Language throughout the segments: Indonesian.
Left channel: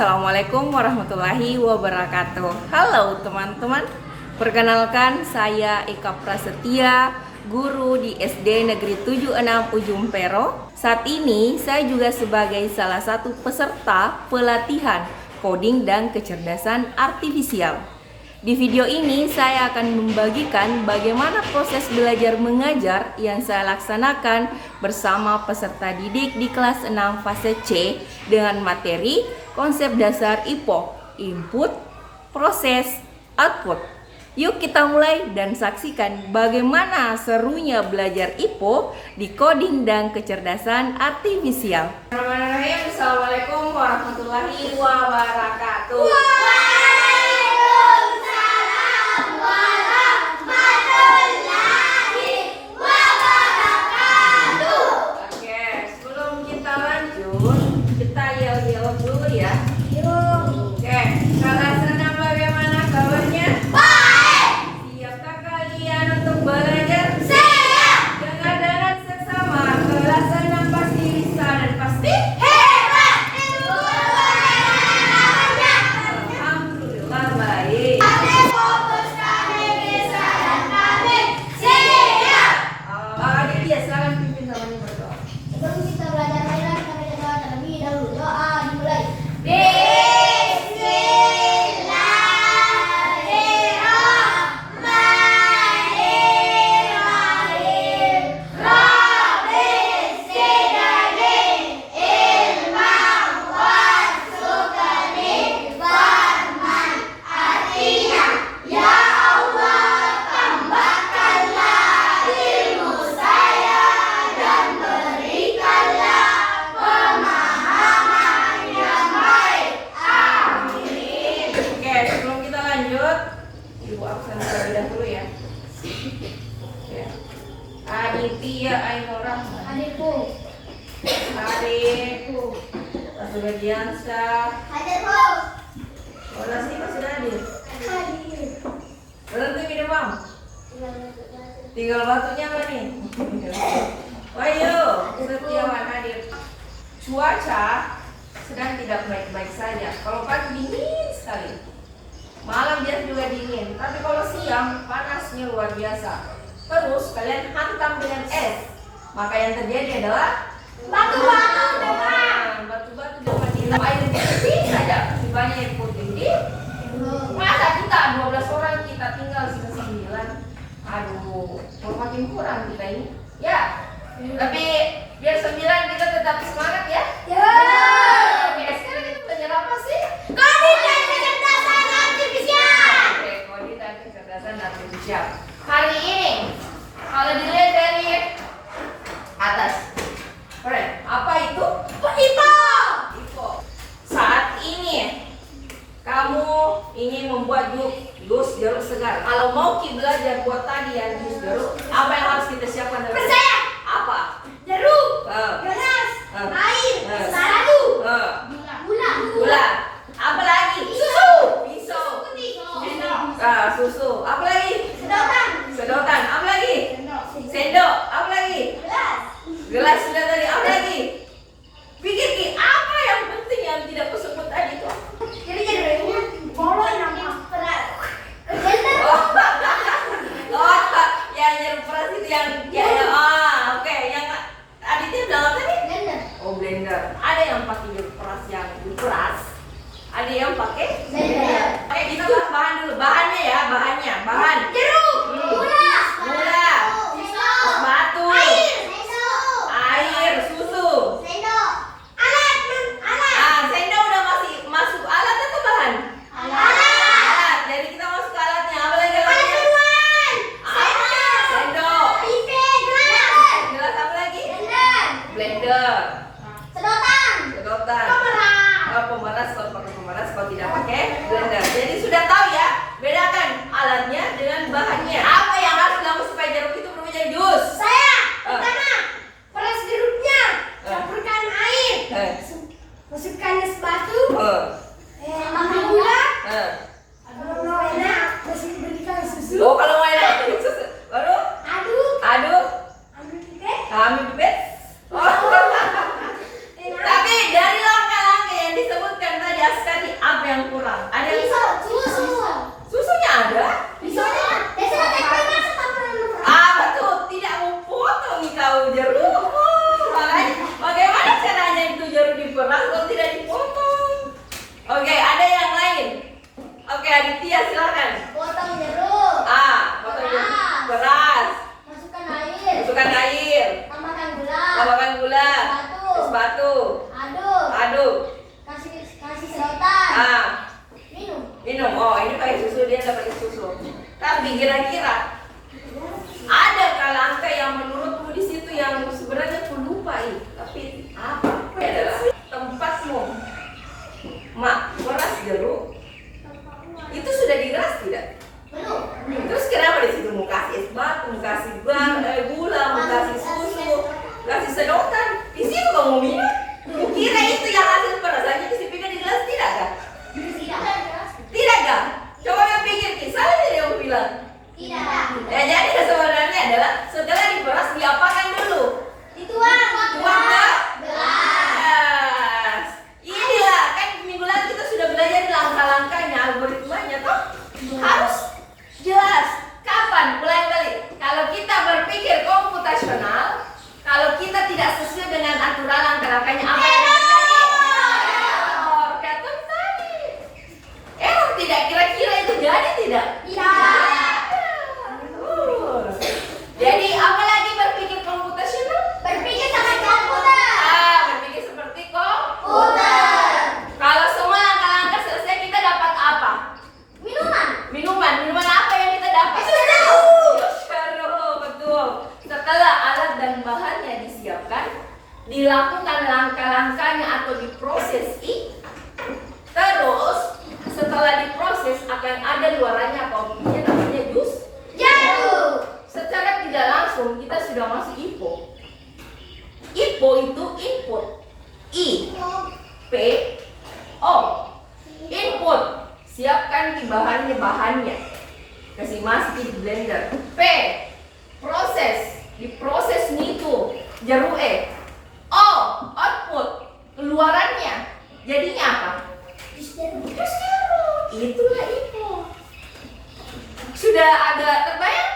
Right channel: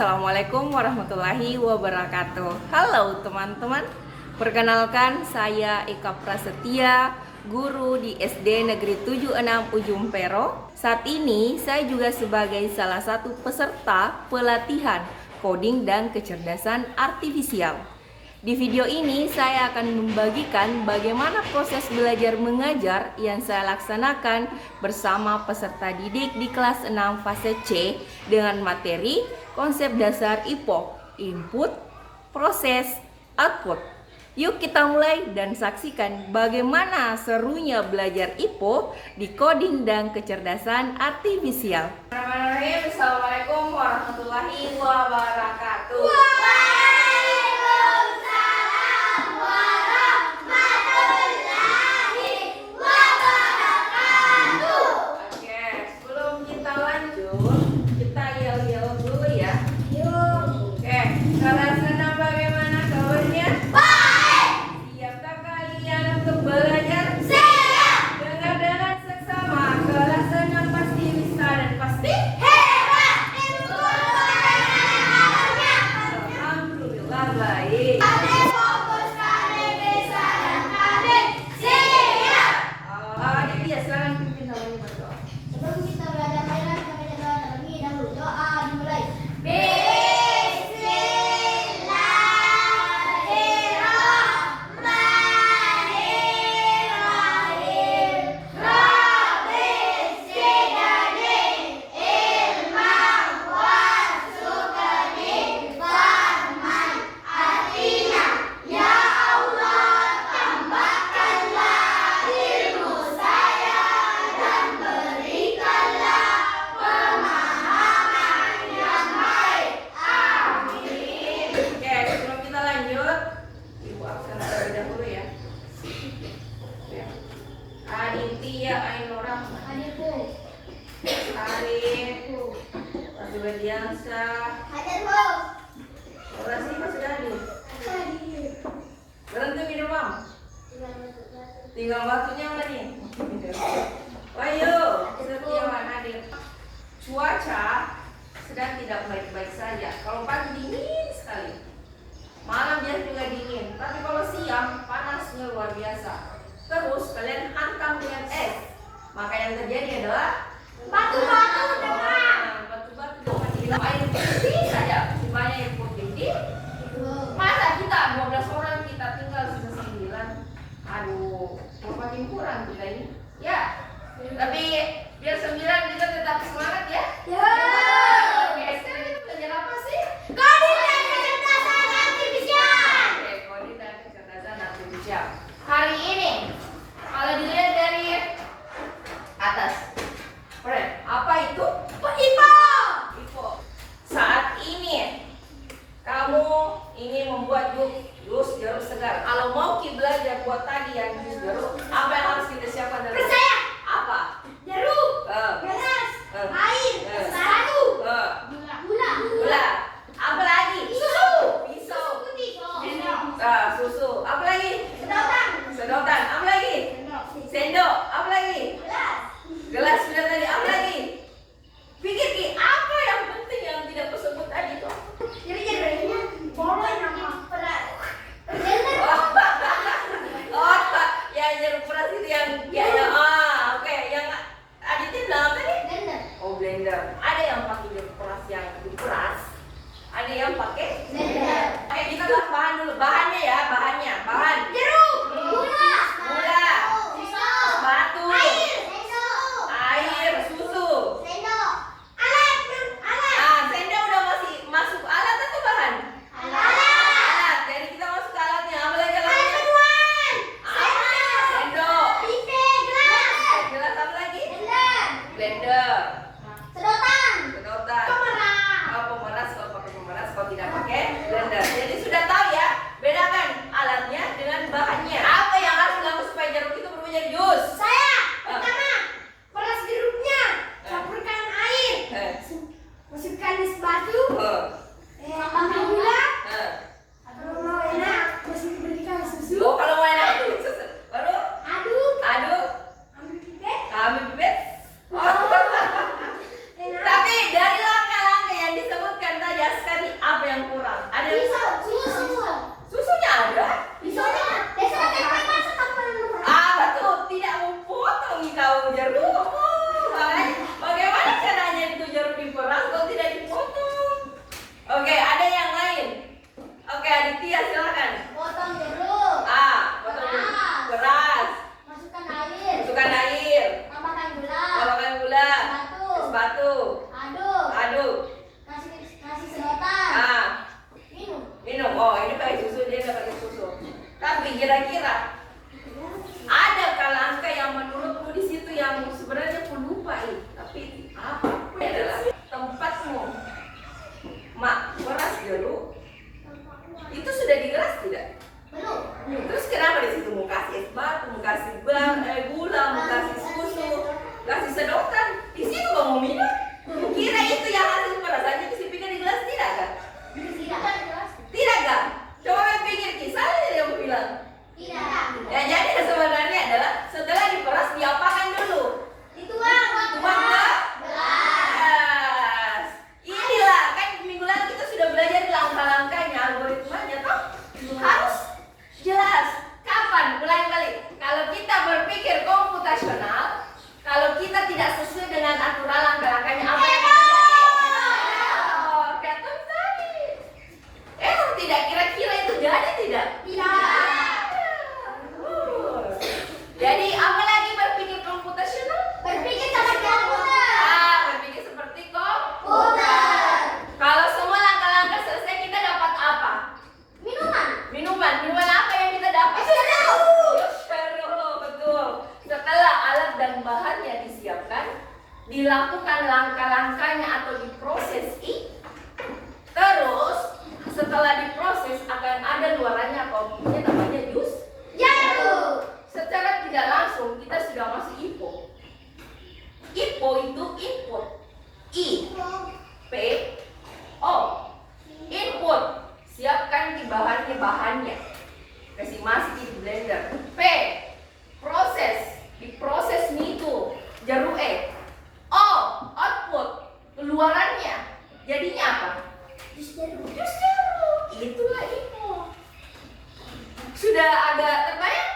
Assalamualaikum warahmatullahi wabarakatuh. Halo teman-teman, perkenalkan saya Eka Prasetya, guru di SD Negeri 76 Ujung Pero. Saat ini saya juga sebagai salah satu peserta pelatihan coding dan kecerdasan artifisial. Di video ini saya akan membagikan bagaimana proses belajar mengajar yang saya laksanakan bersama peserta didik di kelas 6 fase C dengan materi konsep dasar IPO, input, proses, output. Yuk kita mulai dan saksikan bagaimana serunya belajar IPO di coding dan kecerdasan artifisial. Bismillahirrahmanirrahim. Assalamualaikum warahmatullahi wabarakatuh. Aditya Ainora Adikku Arifku Rasuliansa Adikku orasi pas sudah hadir berhenti minum bang tinggal batunya apa nih ayo Setiawan hadir. Cuaca sedang tidak baik-baik saja. Kalau pagi dingin sekali, malam dia juga dingin, tapi kalau siang panasnya luar biasa. Terus kalian hantam dengan es, maka yang terjadi adalah batu-batu dengan minum air bersih saja. Banyak yang putih di masa kita 12 orang kita tinggal sudah 9. Aduh, mau makin kurang kita ini. Ya, tapi biar 9 kita tetap semangat ya. Ya. Sekarang kita belajar apa sih? Coding dan kecerdasan artifisial. Oke, coding dan kecerdasan artifisial. Hari ini kalau dilihat dari atas, apa itu? IPO. Saat ini kamu ingin membuat jus jeruk segar. Kalau mau belajar buat tadi yang jus jeruk, apa yang harus kita siapkan? Percaya. Apa? Jeruk, gelas, air, madu, gula. Apa lagi? Susu, pisau, susu. Apa lagi? Sedotan. Apa lagi? Sendok. Apa lagi? Gelas sudah tadi. Apa lagi? Pikir Ki, apa yang penting yang tidak kusebut tadi itu? Ya jeruk peras itu yang oke. Yang Aditya bilang apa tadi? Blender. Oh, blender. Ada yang pakai jeruk peras yang diperas, ada yang pakai blender. Kita bahas bahan dulu. Bahannya ya, bahan jeruk, gula, batu, air, susu, sendok, alat. Sendok udah masuk alat atau bahan? Alat. Jadi kita masuk ke alatnya. Apa lagi alatnya? Sendok, gelas apa lagi? Blender, sedotan, pemeras. Kalau pakai pemeras, kalau tidak pakai blender. Jadi sudah tahu ya, bedakan alatnya dengan bahannya. Apa yang harus dilakukan supaya jeruk itu berubah jadi jus? Pertama, peras jeruknya, campurkan air, masukkan es batu, tambah gula. Kalau mau enak, berikan susu. Oh, kalau mau enak susu. Baru aduk, ambil pipet. Tapi dari langkah-langkah yang disebutkan tadi, Askar yang kurang? Ada Susu. susunya ada? Susunya. Biasanya tempe masuk tanpa lupa. Betul, tidak mau potong kau jeruk. Bagaimana caranya itu jeruk diperas kalau tidak dipotong? Oke, ada yang lain. Oke, Aditya silakan. Potong jeruk. Potong jeruk. Beras. Masukkan air. Masukkan air. Tambahkan gula. Tambahkan gula. Es batu. Aduk. Kasih sedotan. Minum. Oh, ini pakai susu, dia nggak pakai susu. Tapi kira-kira ada kalangka yang menurutmu di situ yang sebenarnya aku lupa tapi apa? Ini adalah tempatmu. Mak, beras jeruk itu sudah digeras tidak? Belum. Terus kenapa di situ mau kasih es batu, mau kasih gula, mau kasih susu, kasih sedotan? Di situ kamu minum? Kira itu yang hasil perasaannya disipinkan di gelas tidak kan? Tidak kan? Coba pikir kisah yang aku bilang. Tidak. Ya jadi sebenarnya adalah setelah diperas diapakan dulu? Dituang ke gelas. Inilah kan minggu lalu kita sudah belajar langkah-langkahnya, algoritmanya toh harus jelas. Kapan? Ulangi balik. Kalau kita berpikir komputasional, kalau kita tidak sesuai dengan aturan langkah-langkahnya apa yang terjadi? Kata tadi. Tidak kira-kira itu jadi tidak? Tidak. Jadi apa lagi berpikir komputasional? Berpikir seperti komputer. Berpikir seperti komputer. Kalau semua langkah-langkah selesai kita dapat apa? Minuman apa yang kita dapat? Jeruk, betul. Setelah alat dan bahannya disiapkan, dilakukan langkah-langkahnya atau diproses terus setelah diproses akan ada luarannya apa namanya jus Jeruk. secara tidak langsung kita sudah masuk IPO. IPO itu input, I-P-O, input, siapkan di bahannya, kasih masuk di blender. P, proses, diproses itu jeruk. O, output, keluarannya, jadinya apa? Jus jeruk. Itulah IPO. Sudah agak terbayang?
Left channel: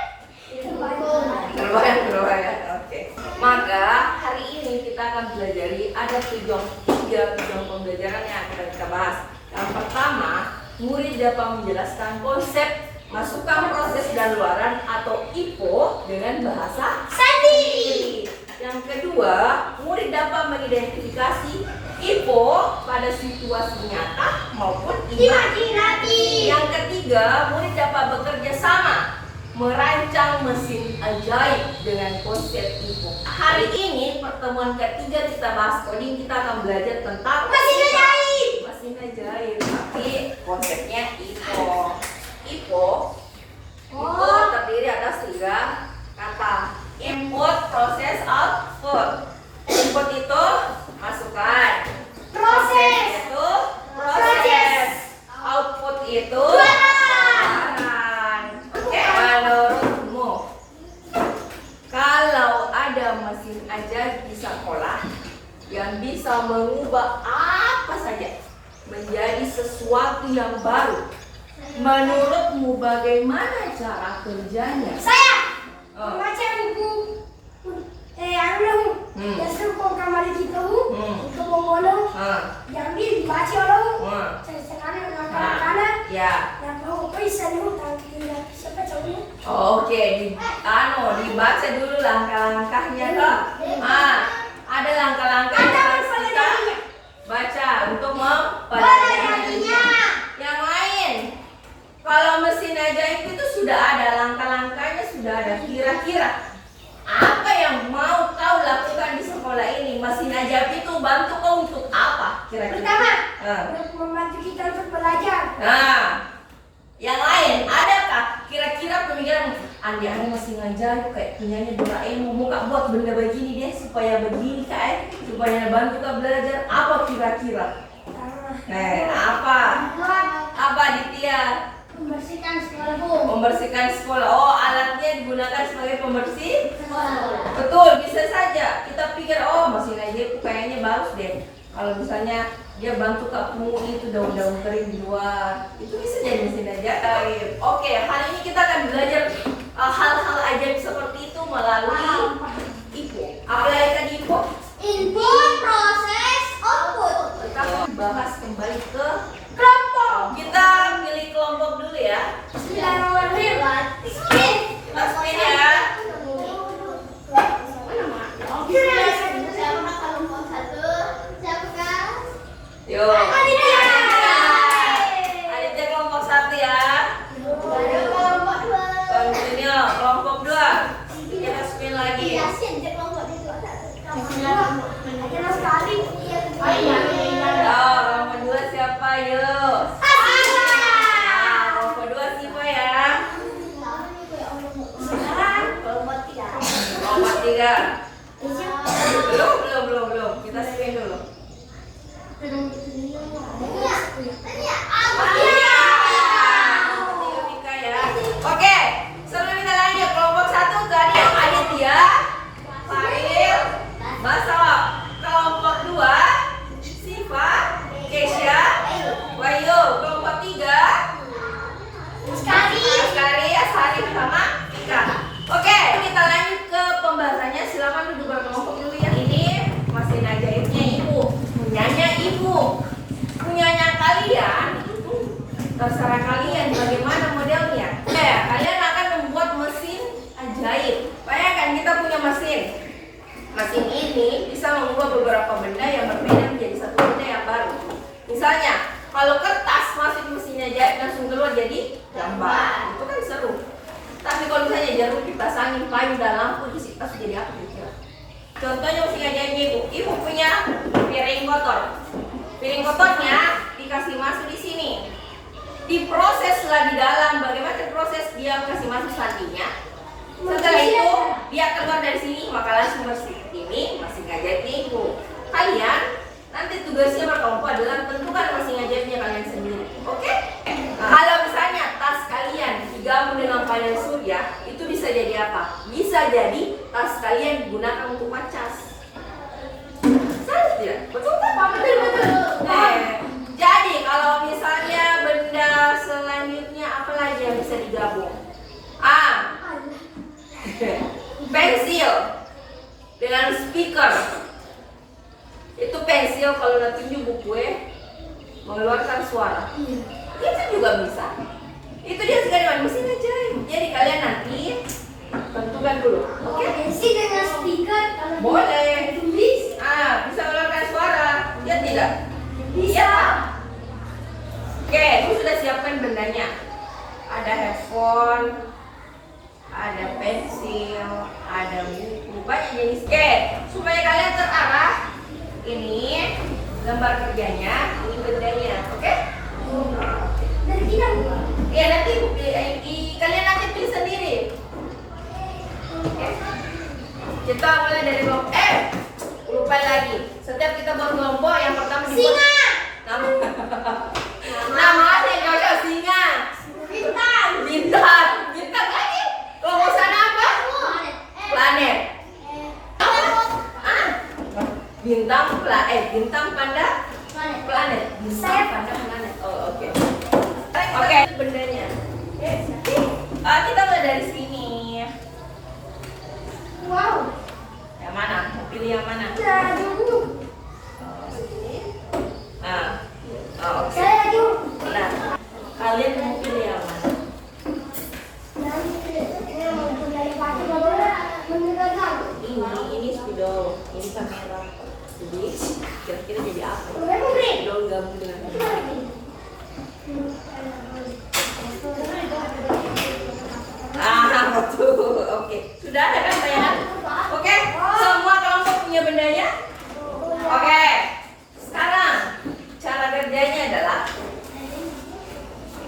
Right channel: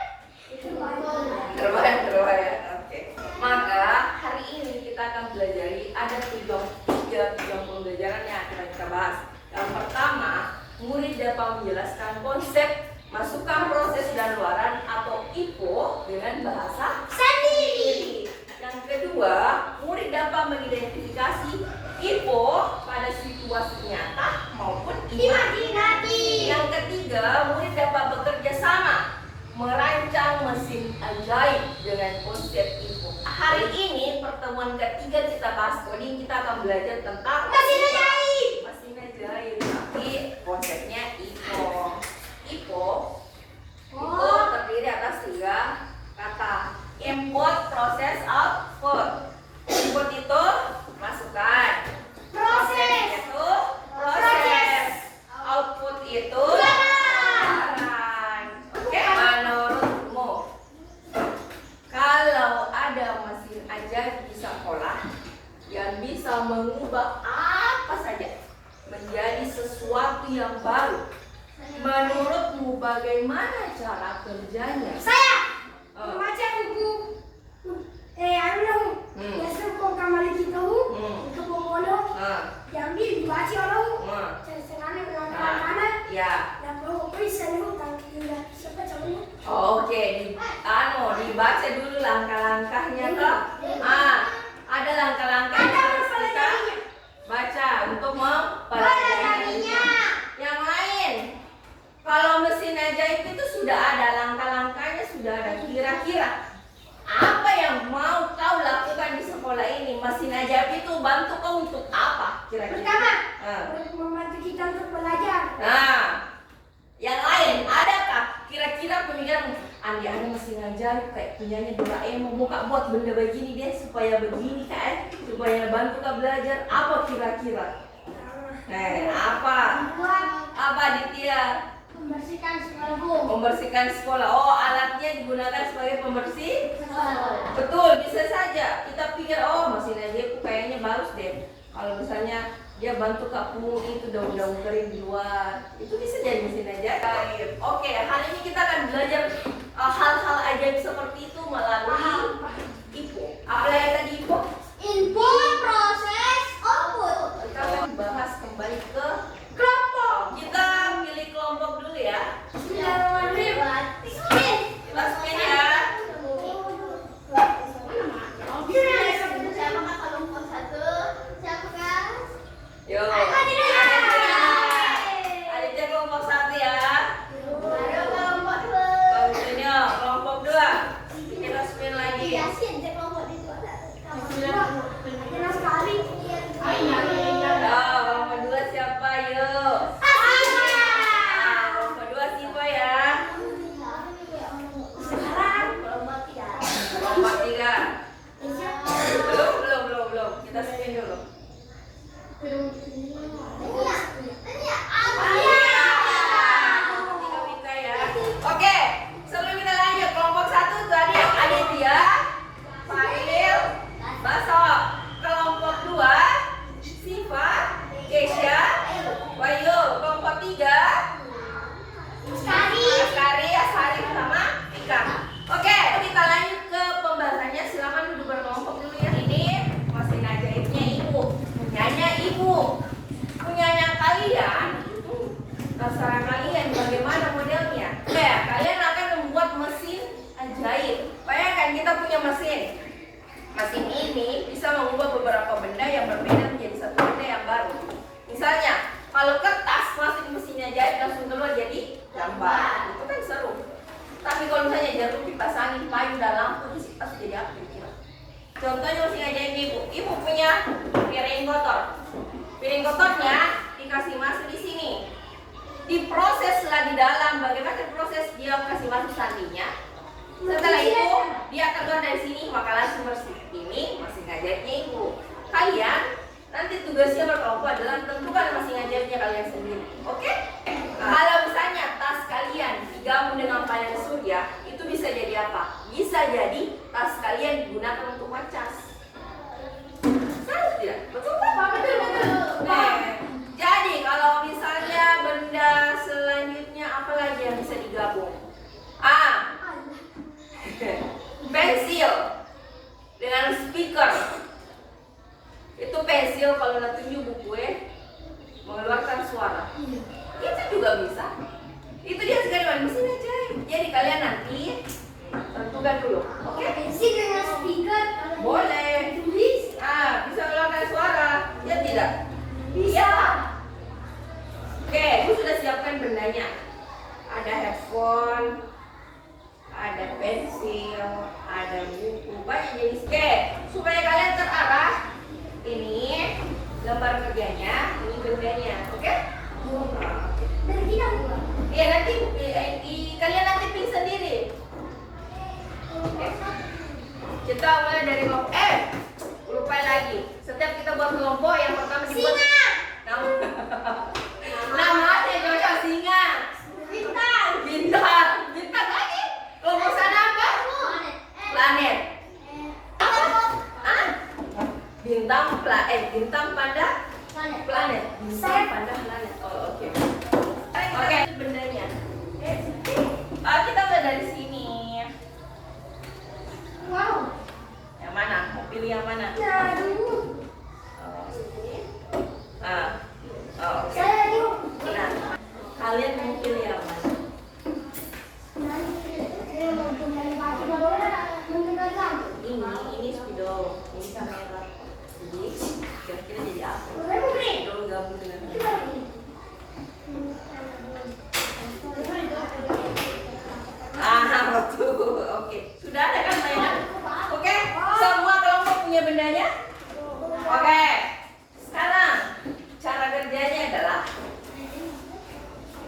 Terbayang. Oke. Maka hari ini kita akan pelajari ada tiga tujuan pembelajaran yang akan kita bahas. Yang pertama, murid dapat menjelaskan konsep masukkan proses dan luaran atau IPO dengan bahasa Sendiri. Yang kedua, murid dapat mengidentifikasi IPO pada situasi nyata maupun Imajinatif. Yang ketiga, murid dapat bekerja sama merancang mesin ajaib dengan konsep IPO. Hari ini pertemuan ketiga kita bahas coding, kita akan belajar tentang Mesin ajaib. Mesin ajaib, tapi konsepnya IPO. IPO terdiri atas 3 kata. Input, proses, output. Input itu masukkan. Proses. Itu proses. Output itu Jualan. Oke, menurutmu kalau ada mesin ajaib di sekolah yang bisa mengubah apa saja menjadi sesuatu yang baru, menurutmu bagaimana cara kerjanya? Saya membaca buku Yasukong Kamali Kitahu untuk membunuh yang dibaca orang senang dengan Ya. yang mau bisa hutang tidak sampai tahu. Oke, dibaca dulu langkah-langkahnya toh. Ada langkah-langkah yang harus kita baca untuk mempelajarinya. Yang lain, kalau mesin ajaib itu sudah ada langkah-langkahnya, sudah ada. Kira-kira apa yang mau kau lakukan di sekolah ini? Mesin ajaib itu bantu kau untuk apa? Kira-kira. Pertama, untuk membantu kita untuk belajar. Yang lain, adakah kira-kira pemikiran Andi mesin ajaib kayak punyanya Doraemon, mau kak buat benda begini deh supaya begini kayak supaya bantu kak belajar? Apa kira-kira? Apa Ditya? Membersihkan sekolah bu. Membersihkan sekolah. Oh, alatnya digunakan sebagai pembersih? Sekolah. Betul, bisa saja. Kita pikir, oh mesin ajaib kayaknya bagus deh. Kalau misalnya dia bantu kamu itu daun-daun kering di luar. Itu bisa jadi mesin ajaib. Oke, hari ini kita akan belajar hal-hal ajaib seperti itu melalui IPO. Apa yang tadi IPO? Input, proses, output. Kita akan bahas kembali ke Kelompok. kita pilih kelompok dulu ya. Bismillahirrahmanirrahim. Spin. Kita spin ya. Yo. Aditya kelompok 1 ya. Selanjutnya kelompok 2. Kita spin lagi. Kelompok 2 siapa yuk? Kelompok 2 siapa ya? Kelompok 3. Belum. Kita spin dulu. Tiga ya. Oke, sebelum kita lanjut kelompok 1 tadi Aditya, Faril, Basok. Kelompok 2 Siva, Kesha, Wahyu. Kelompok 3 Askari, Asari sama Vika. Oke, kita lanjut ke pembahasannya. Silakan duduk berkelompok dulu ya. Ini mesin ajaibnya ibu, punyanya ibu, punyanya kalian. Terserah kalian bagaimana modelnya. Kalian akan membuat mesin ajaib. Bayangkan kita punya mesin. Mesin ini bisa mengubah beberapa benda yang berbeda menjadi satu benda yang baru. Misalnya, kalau kertas masuk mesinnya ajaib langsung keluar jadi gambar. Itu kan seru. Tapi kalau misalnya jarum dipasangin kayu dan lampu di situ jadi apa kira-kira? Contohnya mesin ajaibnya ibu. Ibu punya piring kotor. Piring kotornya dikasih masuk di sini. Diproseslah di dalam. Bagaimana proses dia kasih masuk santinya? Setelah itu dia keluar dari sini maka langsung bersih. Ini mesin ajaibnya ibu. Kalian nanti tugasnya berkelompok adalah tentukan mesin ajaibnya kalian sendiri. Oke? Kalau misalnya tas kalian digabung dengan panel surya, itu bisa jadi apa? Bisa jadi tas kalian digunakan untuk ngecas. Saja, betul tak? Betul. Jadi kalau misalnya benda selanjutnya apa lagi yang bisa digabung? Pensil dengan speaker. Itu pensil kalau nak tunjuk buku mengeluarkan suara. Itu juga bisa. Itu dia sekali mesin ajaib. Jadi kalian nanti tentukan dulu. Oke? Pensil dengan speaker. Boleh. Bisa mengeluarkan suara. Ya tidak? Bisa. Oke, ini sudah siapkan bendanya. Ada headphone, ada pensil, ada buku, banyak jenis. Oke, supaya kalian terarah. Ini lembar kerjanya, ini bendanya. Oke? Dari kita. Iya nanti kalian nanti pilih sendiri. Oke. Kita mulai dari kelompok. Lupa lagi. Setiap kita buat kelompok yang pertama dibuat Singa. Nama yang cocok singa. Bintang lagi. Kelompok sana apa? Planet. Bintang pada planet. Bintang pada planet. Oh, oke. Oke, bendanya. Kita mulai dari sini. Wow. Yang mana? Mau pilih yang mana? Aduh. Oke. Saya dulu. Nah, kalian mau pilih yang mana? Ini spidol, ini kamera. Jadi kira-kira jadi apa? Spidol gabung dengan betul. Oke. Sudah ada kan saya? Oke. Semua kelompok punya bendanya? Oke. Sekarang cara kerjanya adalah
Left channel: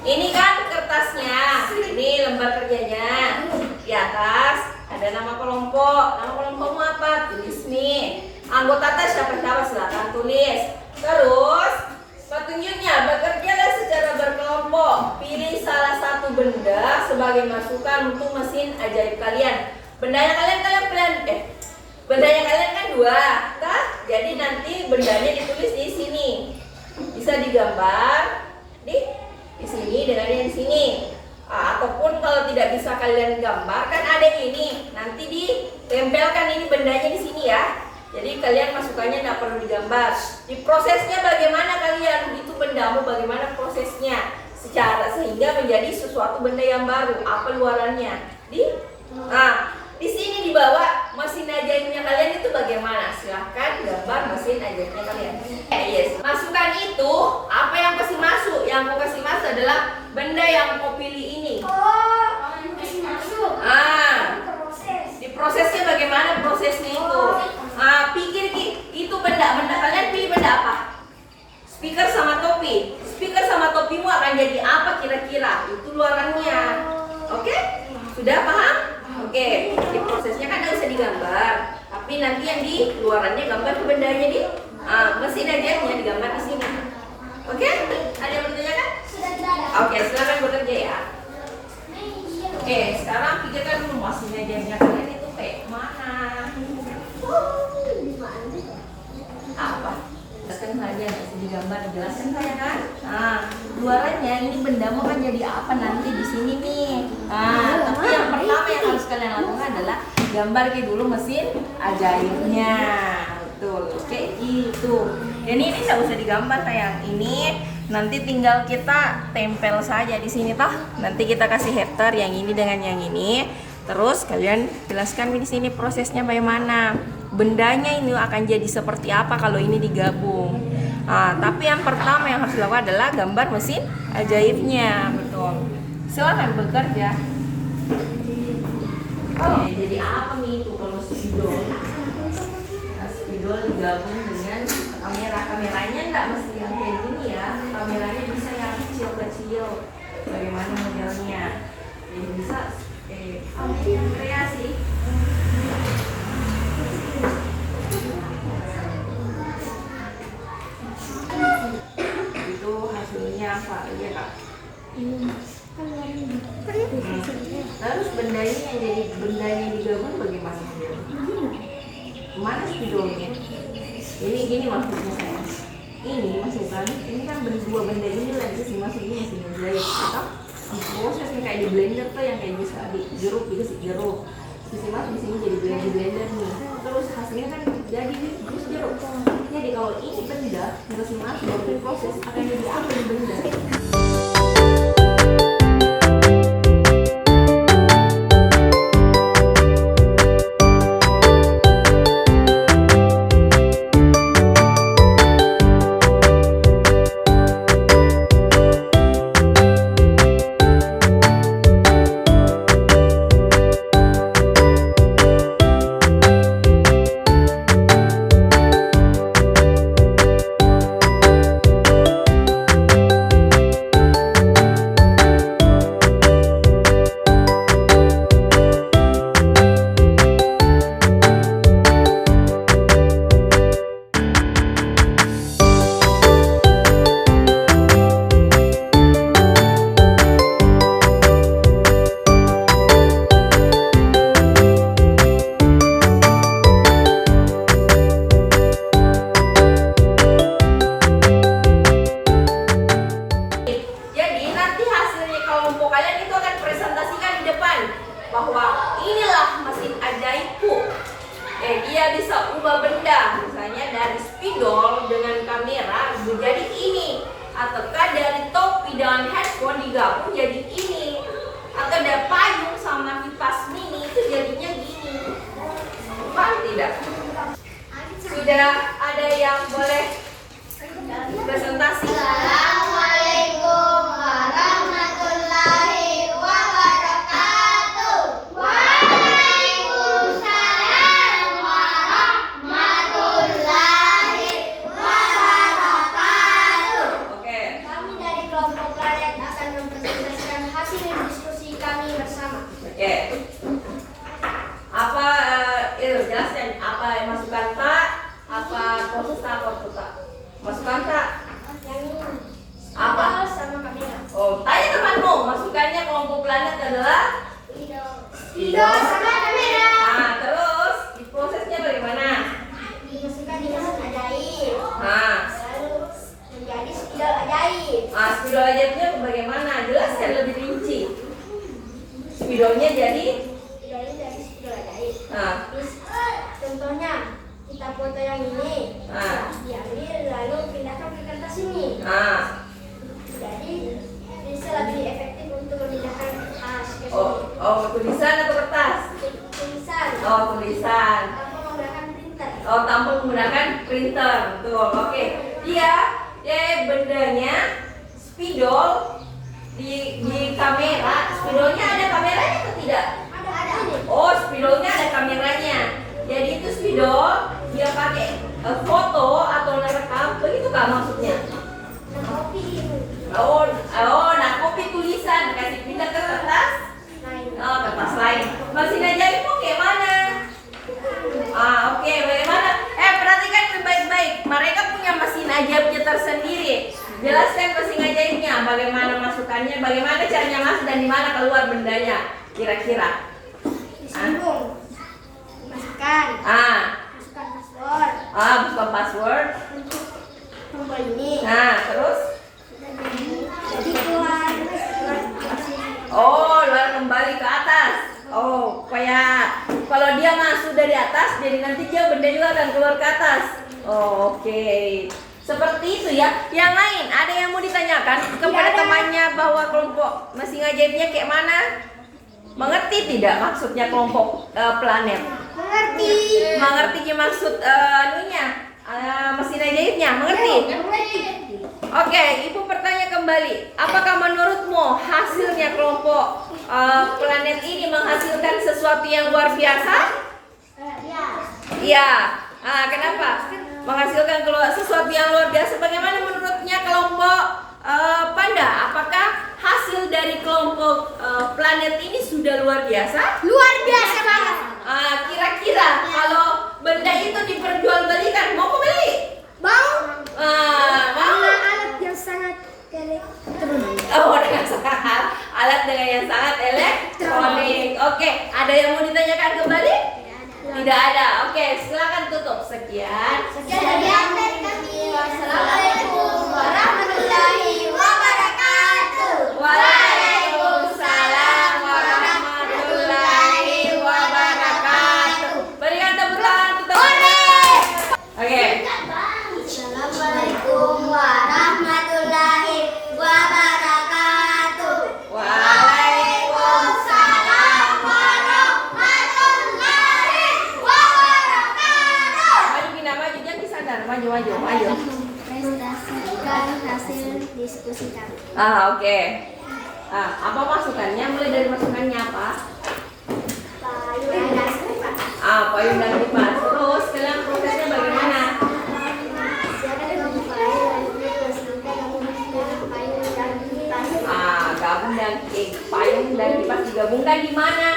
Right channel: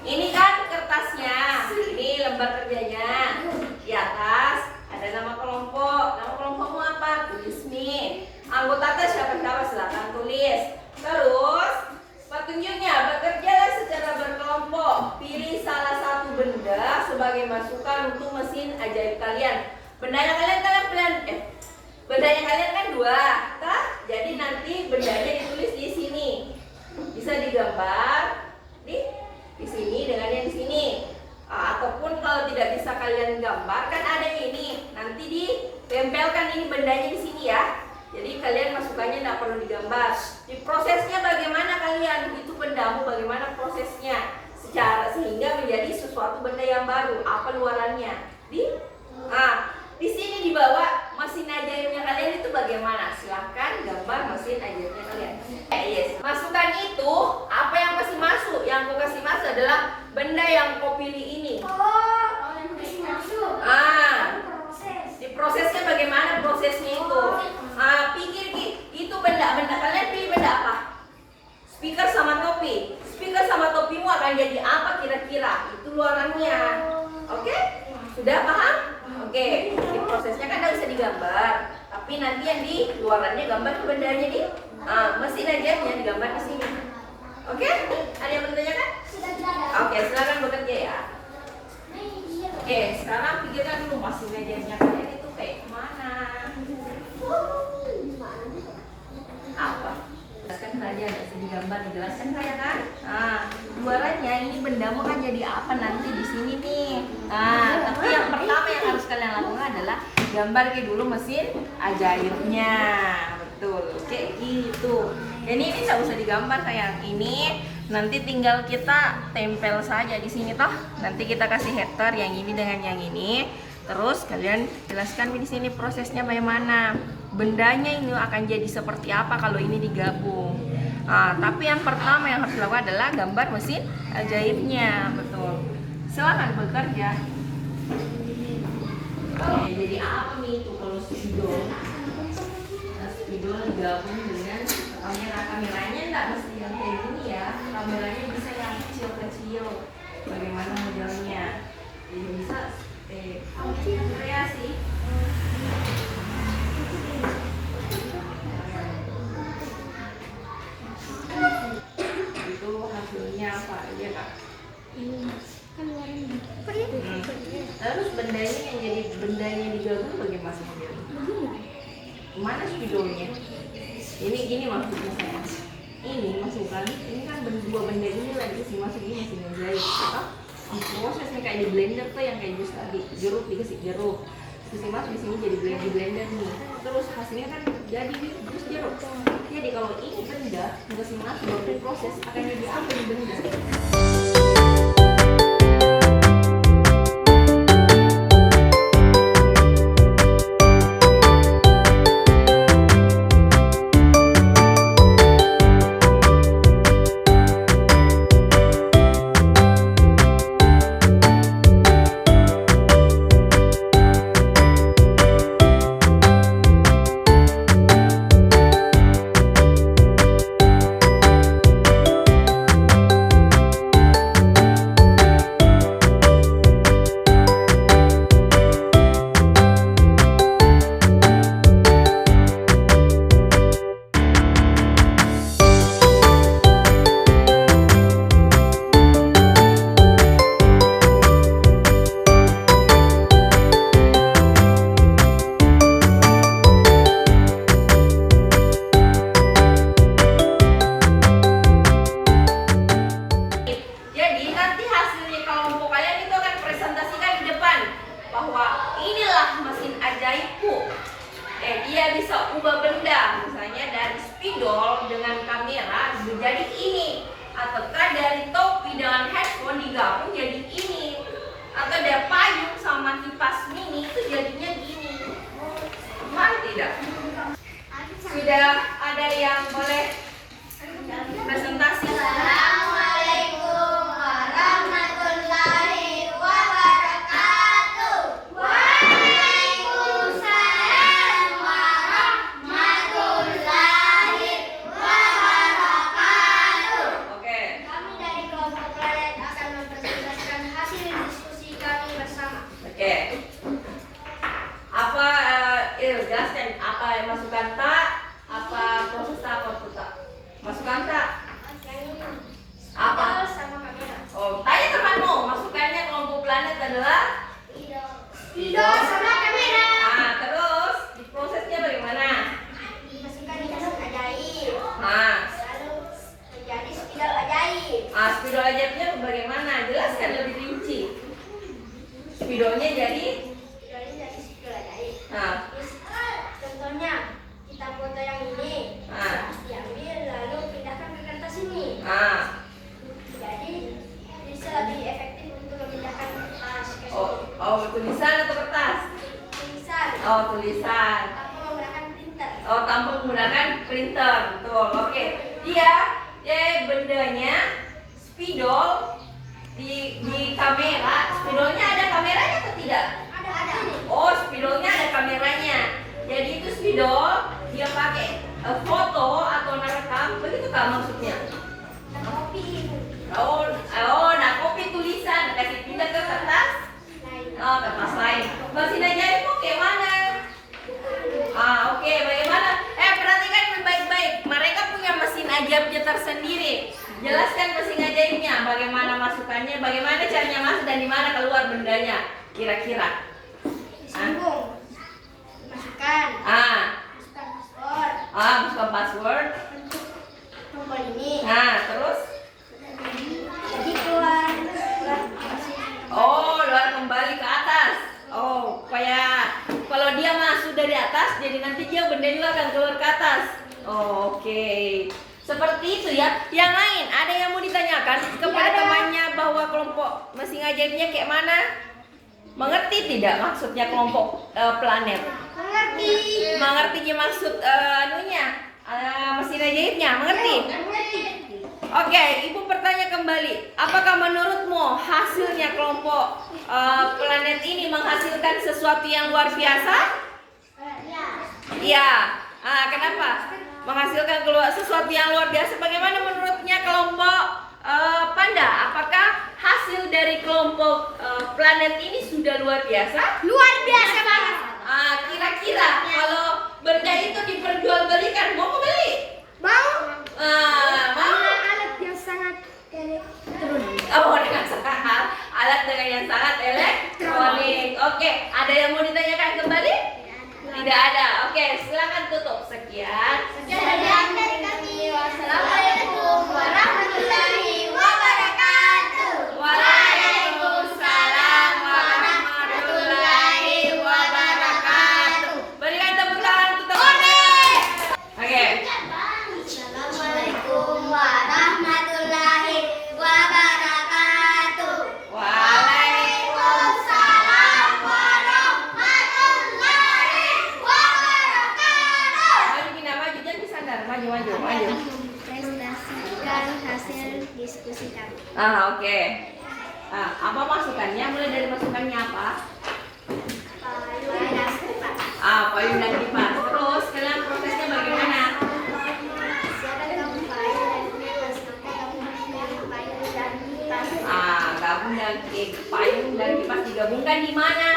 ini kan kertasnya, ini lembar kerjanya. Di atas ada nama kelompok. Nama kelompokmu apa? Tulis nih. Anggota tes siapa-siapa silakan tulis. Terus petunjuknya bekerjalah secara berkelompok. Pilih salah satu benda sebagai masukan untuk mesin ajaib kalian. Bendanya kalian bendanya kalian kan 2, kan? Jadi nanti bendanya ditulis di sini. bisa digambar di sini dengan yang di sini. Ataupun kalau tidak bisa kalian gambar, kan ada ini, nanti ditempelkan ini bendanya di sini ya. Jadi kalian masukannya tidak perlu digambar. Di prosesnya bagaimana kalian, itu bendamu bagaimana prosesnya sehingga menjadi sesuatu benda yang baru. Apa luarannya? Di sini di bawah mesin ajaibnya kalian itu bagaimana? Silahkan gambar mesin ajaibnya kalian. Yes. Masukan itu apa yang pasti masuk? Yang mau kasih masuk adalah benda yang kau pilih ini. Masih masuk. Proses. Di prosesnya bagaimana prosesnya itu? Pikir itu benda kalian pilih benda apa? Speaker sama topi. Speaker sama topimu akan jadi apa kira-kira? Itu luarannya. Oke? Sudah paham? Oke. Di prosesnya kan tidak bisa digambar, tapi nanti yang di luarannya gambar ke bendanya di mesin ajaibnya digambar di sini. Oke? Ada yang bertanyakan? Sudah tidak ada. Oke, silakan bekerja ya. Oke, sekarang pikirkan dulu mesin ajaibnya kalian itu kayak mana? Apa? Jelaskan saja, bisa digambar, dijelaskan saya kan? Luarannya ini bendamu kan jadi apa nanti di sini nih? Tapi yang pertama yang harus kalian lakukan adalah gambar dulu mesin ajaibnya. Betul, kayak gitu. Dan ini nggak usah digambar sayang. Ini nanti tinggal kita tempel saja di sini toh. Nanti kita kasih header yang ini dengan yang ini. Terus kalian jelaskan di sini prosesnya bagaimana. Bendanya ini akan jadi seperti apa kalau ini digabung. Tapi yang pertama yang harus dilakukan adalah gambar mesin ajaibnya. Betul. Silakan bekerja. Jadi apa nih itu kalau spidol? Spidol digabung dengan kamera. Kameranya nggak mesti yang kayak gini ya. Kameranya bisa yang kecil-kecil. Bagaimana modelnya? Jadi bisa kreasi. Itu hasilnya apa? Iya kak? Terus benda ini yang jadi bendanya digabung bagaimana dia? Mana spidolnya? Ini gini maksudnya saya. Ini masukkan. Ini kan dua benda ini lagi sih masuk ini mesin jahit. Atau diproses nih kayak di blender tuh yang kayak bisa jeruk dikasih jeruk. Terus masuk di sini jadi blender nih. Terus hasilnya kan jadi jus jeruk. Jadi kalau ini benda dikasih masuk baru diproses akan jadi apa nih benda? spidolnya jadi Spidolnya dari spidol ajaib. nah, Terus, contohnya kita foto yang ini, Ah. diambil lalu pindahkan ke kertas ini. nah. Jadi bisa lebih efektif untuk memindahkan kertas ke Oh, sini. oh, tulisan atau kertas? Tulisan Oh, tulisan. tanpa menggunakan printer. Oh, tanpa menggunakan printer. Betul. Oke. Dia bendanya spidol di kamera. Spidolnya ada kameranya atau tidak? Ada. Oh, spidolnya ada kameranya. Jadi itu spidol dia pakai foto atau merekam. Begitu kah maksudnya? Nah, kopi Nah kopi tulisan kasih pindah ke kertas. lain. Oh, kertas lain. Mesin ajaib mau kayak mana? Oke, bagaimana? Perhatikan baik-baik. Mereka punya mesin ajaibnya tersendiri. Jelaskan mesin ajaibnya, bagaimana masukannya, bagaimana caranya masuk dan di mana keluar bendanya. Kira-kira. Disambung. Masukkan password. Bukan password. Untuk tombol ini. Terus? Jadi keluar hasil. Oh, luar kembali ke atas. Oh, kayak kalau dia masuk dari atas, jadi nanti dia benda juga akan keluar ke atas. Oh, oke. Seperti itu ya. Yang lain, ada yang mau ditanyakan kepada ada. temannya bahwa kelompok mesin ajaibnya kayak mana? Mengerti tidak maksudnya kelompok planet? Mengerti. Mengerti maksud mesin ajaibnya? Mengerti? Mengerti. Oke, Ibu bertanya kembali, apakah menurutmu hasilnya kelompok planet ini menghasilkan sesuatu yang luar biasa? Ya. Iya. Kenapa? Menghasilkan sesuatu yang luar biasa. Bagaimana menurutnya kelompok panda? Apakah hasil dari kelompok planet ini sudah luar biasa? Luar biasa banget. Kira-kira kalau benda itu diperjualbelikan, mau beli? Mau? Mau? Alat yang sangat elektronik. Oh, dengan sangat alat dengan yang sangat elektronik. Oke, ada yang mau ditanyakan kembali? Tidak ada. Oke, silakan tutup. Sekian. Sekian dari kami. Wassalamualaikum warahmatullahi wabarakatuh. Waalaikumsalam warahmatullahi wabarakatuh. Berikan tepuk tangan untuk teman. Oke. Assalamualaikum warahmatullahi wabarakatuh. Waalaikumsalam warahmatullahi wabarakatuh. Maju Gina, maju jangan disandar. Maju. Presentasikan hasil diskusi kami. Oke. Apa masukannya? Mulai dari masukannya apa? Payung dan kipas. Payung dan kipas. Terus kalian prosesnya bagaimana? Siapkan kamu payung dan kipas. Maka kamu menggunakan payung dan kipas. Gabung dan payung dan kipas digabungkan di mana?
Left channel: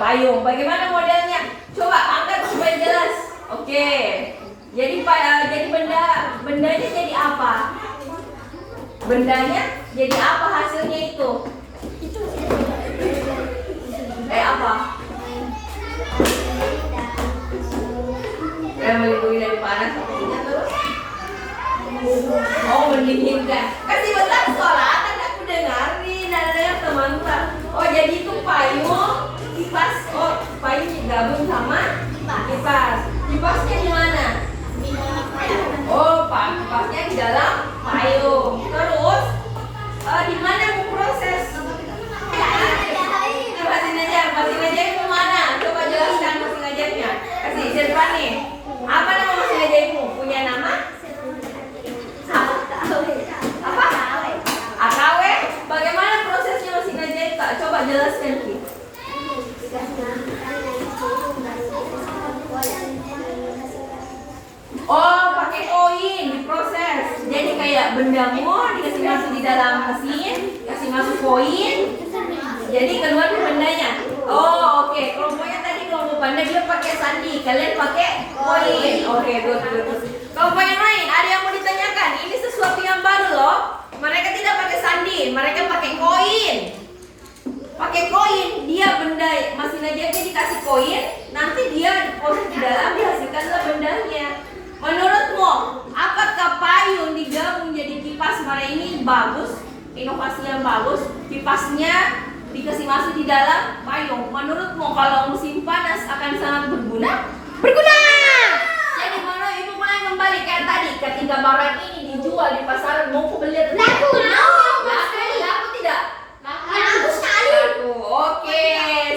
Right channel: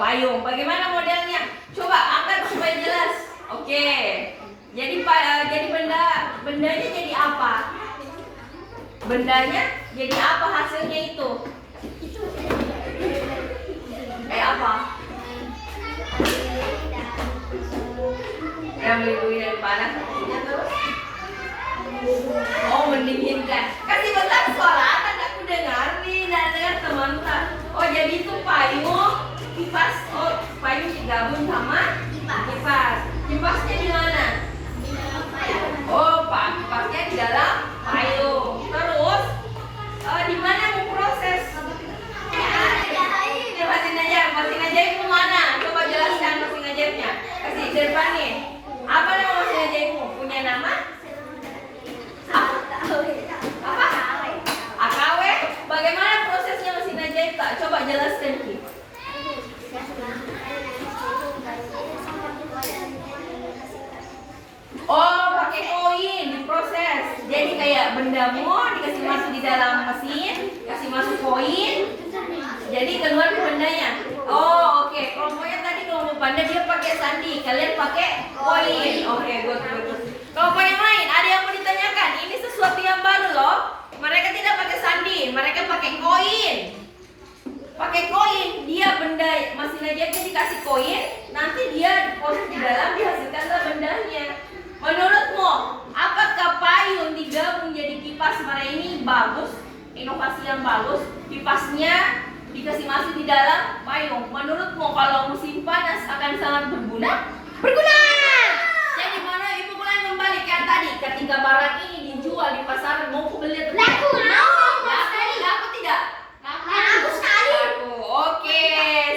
Payung. Bagaimana modelnya? Coba angkat supaya jelas. Oke. Jadi bendanya jadi apa? Bendanya jadi apa hasilnya itu? Apa? Melindungi dari panas artinya terus? Oh, mendinginkan. Kasih bentar suara kan aku dengerin dan dengar teman-teman. Oh, jadi itu payung, kipas. Oh, payung digabung sama kipas. Kipasnya di mana? Oh, kipasnya di dalam payung. Terus di mana mau proses? Mesin ajaibmu mana? Coba jelaskan mesin ajaibnya. Kasih Zirpan nih. Apa nama mesin ajaibmu? Punya nama? AKW. Bagaimana prosesnya mesin ajaib? Coba jelaskan Ki. Oh, pakai koin diproses. Jadi kayak bendamu dikasih masuk di dalam mesin, kasih masuk koin. Jadi keluar bendanya. Oh, oke. Kelompoknya tadi kelompok panda dia pakai sandi, kalian pakai koin. Oke, good. Kelompok yang lain ada yang mau ditanyakan? Ini sesuatu yang baru loh. Mereka tidak pakai sandi, mereka pakai koin. Pakai koin, dia benda masih aja dikasih koin, nanti dia diproses di dalam dihasilkanlah bendanya. Menurutmu, apakah payung digabung jadi kipas merah ini bagus? inovasi yang bagus. Kipasnya dikasih masuk di dalam payung. Menurutmu kalau musim panas akan sangat berguna? Berguna. Jadi mana ibu mulai kembali kayak tadi ketika barang ini dijual di pasaran mau beli atau Laku. laku tidak? Laku sekali. Laku. Oke,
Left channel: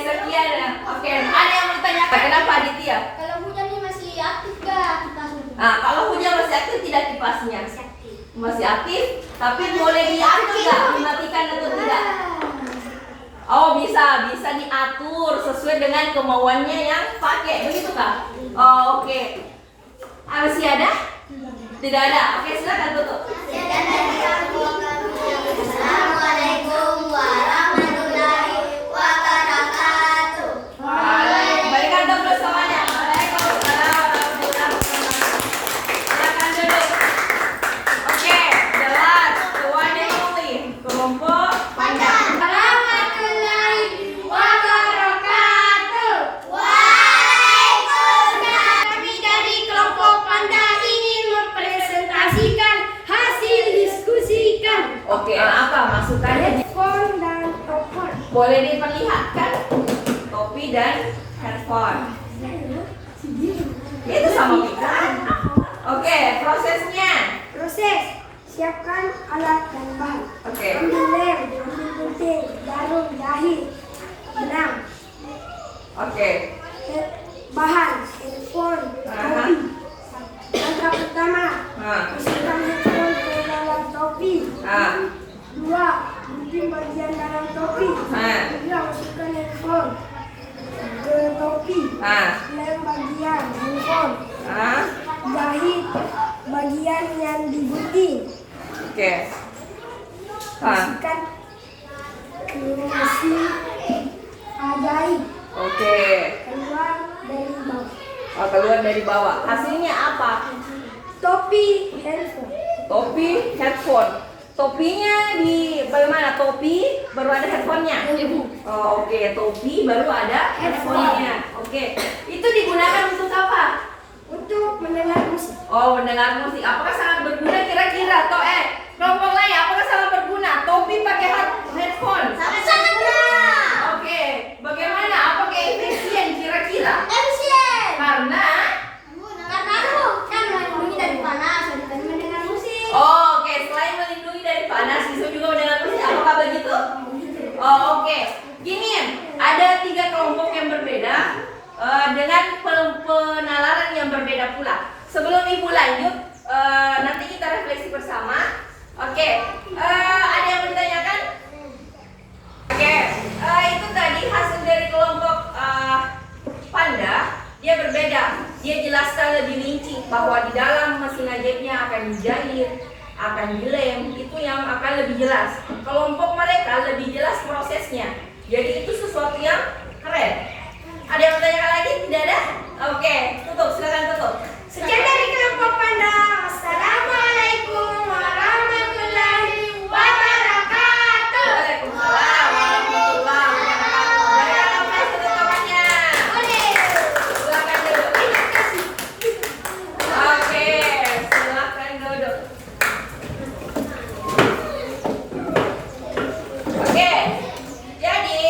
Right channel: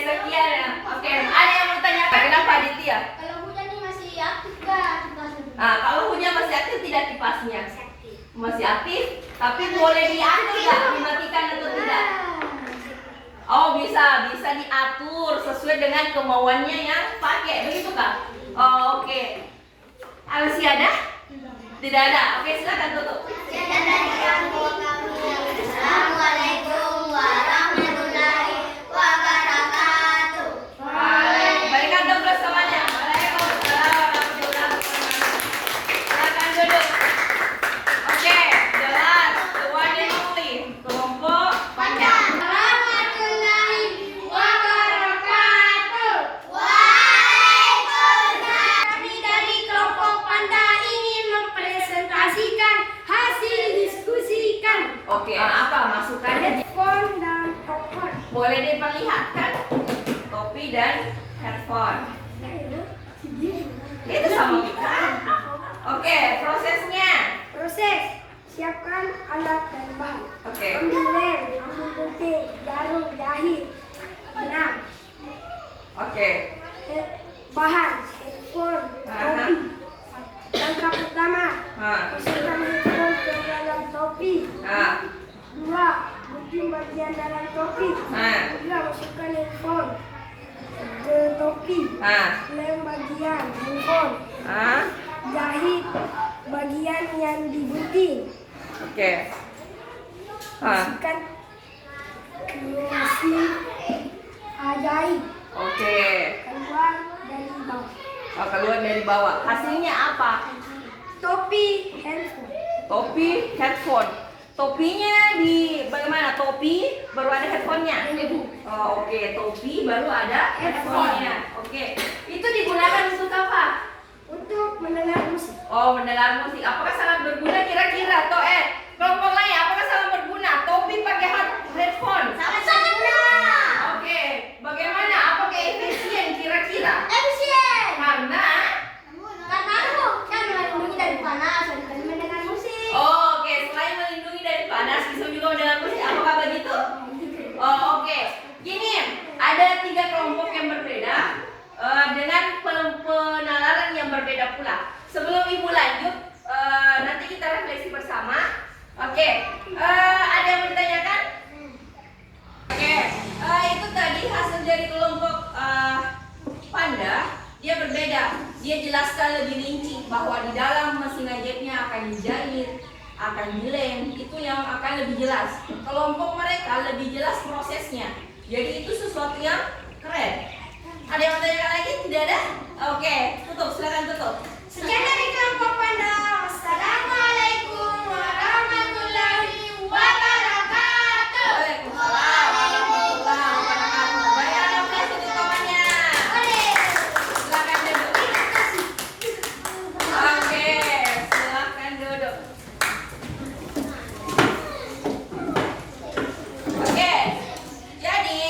sekian ya. Oke, ada yang mau tanya kenapa Aditya? Kalau hujan ini masih aktif gak kipasnya? Nah, kalau hujan masih aktif tidak kipasnya? Masih aktif. Masih aktif, tapi boleh diatur nggak dimatikan atau tidak? Oh bisa diatur sesuai dengan kemauannya yang pakai, begitu kak? Oh, oke. Masih ada? Tidak ada. Oke, silakan tutup. Assalamualaikum warahmatullahi wabarakatuh. Berikan dulu semuanya. Waalaikumsalam warahmatullahi wabarakatuh. Silakan duduk. Oke, jelas. One and only. Kelompok Panda. Warahmatullahi wabarakatuh. Waalaikumsalam. Kami dari kelompok Panda ingin mempresentasikan hasil diskusikan. Oke, apa masukannya? Headphone dan telepon. Boleh diperlihatkan topi dan handphone. Itu sama kita. Oke, prosesnya. Proses. Siapkan alat dan bahan. Oke. Ambil lem, ambil gunting, jarum, jahit, benang. Oke. Bahan, handphone, topi. Langkah pertama, Nah. masukkan handphone ke dalam topi. Nah. 2. Gunting bagian dalam topi. Nah. 3. Masukkan handphone ke topi. Nah. Lem bagian handphone. Nah. Jahit bagian yang digunting. Oke. Nah. Masukkan ke mesin jahit. Oke. Keluar dari bawah. Oh, keluar dari bawah. Hasilnya apa? Topi handphone. Topi, headphone. Topinya di bagaimana? Topi baru ada headphone-nya. Oh, oke. Topi baru ada headphone-nya. Oke. Itu digunakan untuk apa? Untuk mendengar musik. Oh, mendengar musik. Apakah sangat berguna kira-kira? Kelompok lain apakah sangat berguna? Topi pakai headphone. Sangat benar. Oke. Bagaimana? Apakah efisien kira-kira? Efisien. Karena Kan melindungi dari panas, dan mendengar musik. oh, oke. Selain melindungi dari panas, bisa juga mendengar musik. Apakah begitu? Oh, oke. Gini, ada 3 kelompok yang berbeda dengan penalaran yang berbeda pula. Sebelum ibu lanjut, nanti kita refleksi bersama. Oke. Ada yang bertanyakan? Oke. Itu tadi hasil dari kelompok Panda. Dia berbeda. Dia jelaskan lebih rinci bahwa di dalam mesin jahitnya akan dijahit, akan dilem, itu yang akan lebih jelas. Kelompok mereka lebih jelas prosesnya. Jadi itu sesuatu yang keren. Ada yang bertanya lagi? Tidak ada? Oke, tutup. Silakan tutup. Sekian dari kelompok Panda. Assalamualaikum warahmatullahi wabarakatuh. Waalaikumsalam warahmatullahi wabarakatuh. Berikan nafas untuk temannya. Silakan duduk. Oke, silakan duduk. Oke, jadi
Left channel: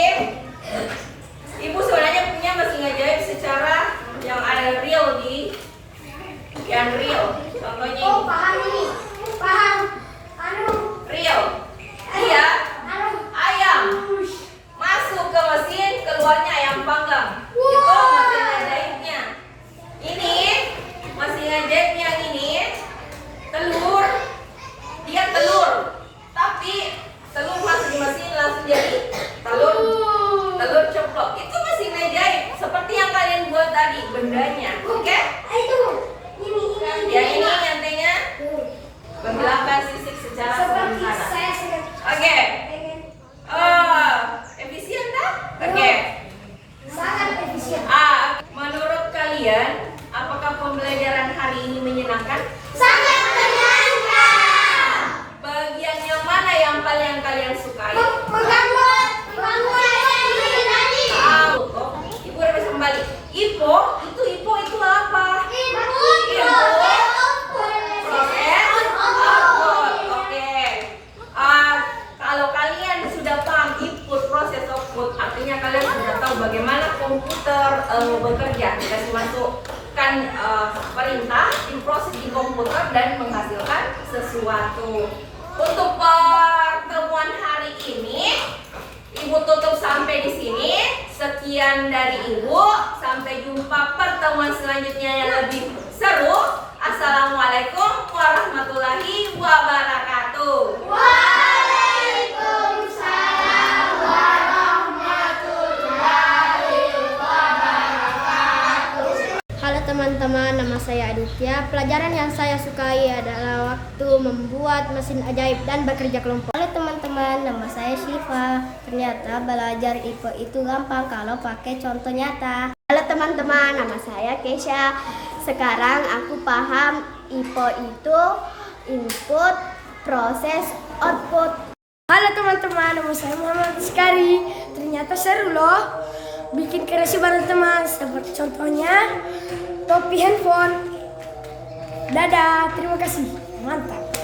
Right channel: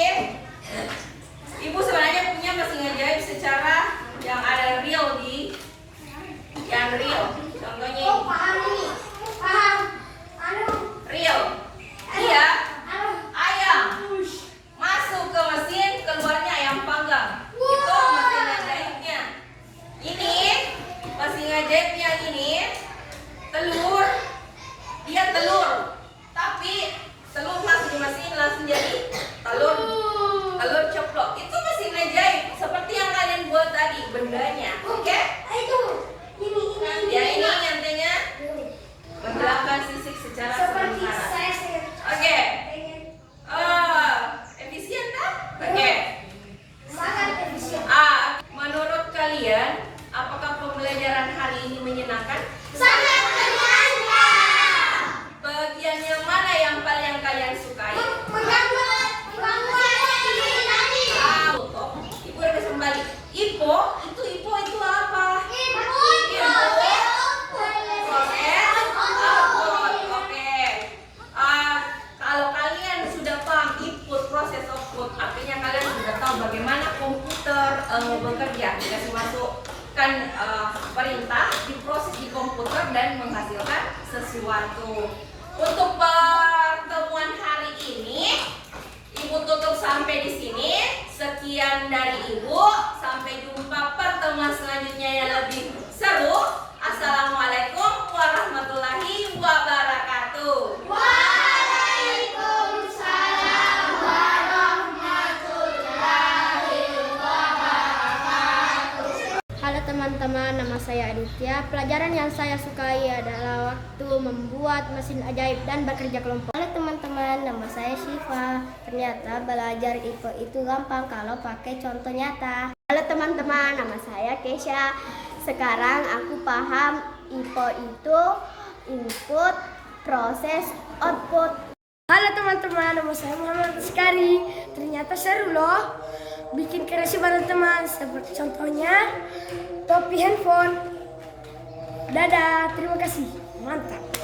ibu sebenarnya punya mesin jahit secara yang ada real yang real. Contohnya ini. Paham ini. Paham. Real. Iya. Ayam masuk ke mesin, keluarnya ayam panggang. Itu mesin jahitnya. Ini mesin jahitnya ini telur. Dia telur. Tapi telur masuk di mesin langsung jadi telur coplok. Itu mesin jahit seperti yang kalian buat tadi bendanya. Oke? Yang ini nyantainya menghilangkan sisik secara sementara. Oke. Efisien tak? Oke. Sangat efisien. Menurut kalian, apakah pembelajaran hari ini menyenangkan? Sangat menyenangkan. Bagian yang mana yang paling kalian sukai? Menggambar tadi. Toh, ibu udah bisa kembali. Ipo itu apa? Proses output. Oke. bekerja, dikasih masukkan perintah, diproses di komputer dan menghasilkan sesuatu. Untuk pertemuan hari ini, Ibu tutup sampai di sini. Sekian dari Ibu. Sampai jumpa pertemuan selanjutnya yang lebih seru. Assalamualaikum warahmatullahi wabarakatuh. Waalaikumsalam warahmatullahi wabarakatuh. Halo teman-teman, nama saya Aditya. Pelajaran yang saya sukai adalah waktu membuat mesin ajaib dan bekerja kelompok. Halo teman-teman, nama saya Syifa. Ternyata belajar IPA itu gampang kalau pakai contoh nyata. Halo teman-teman, nama saya Kesha. Sekarang aku paham IPA itu input, proses, output. Halo teman-teman, nama saya Muhammad Sekari. Ternyata seru loh bikin kreasi bareng teman. Seperti contohnya topi handphone. Dadah, terima kasih. Mantap.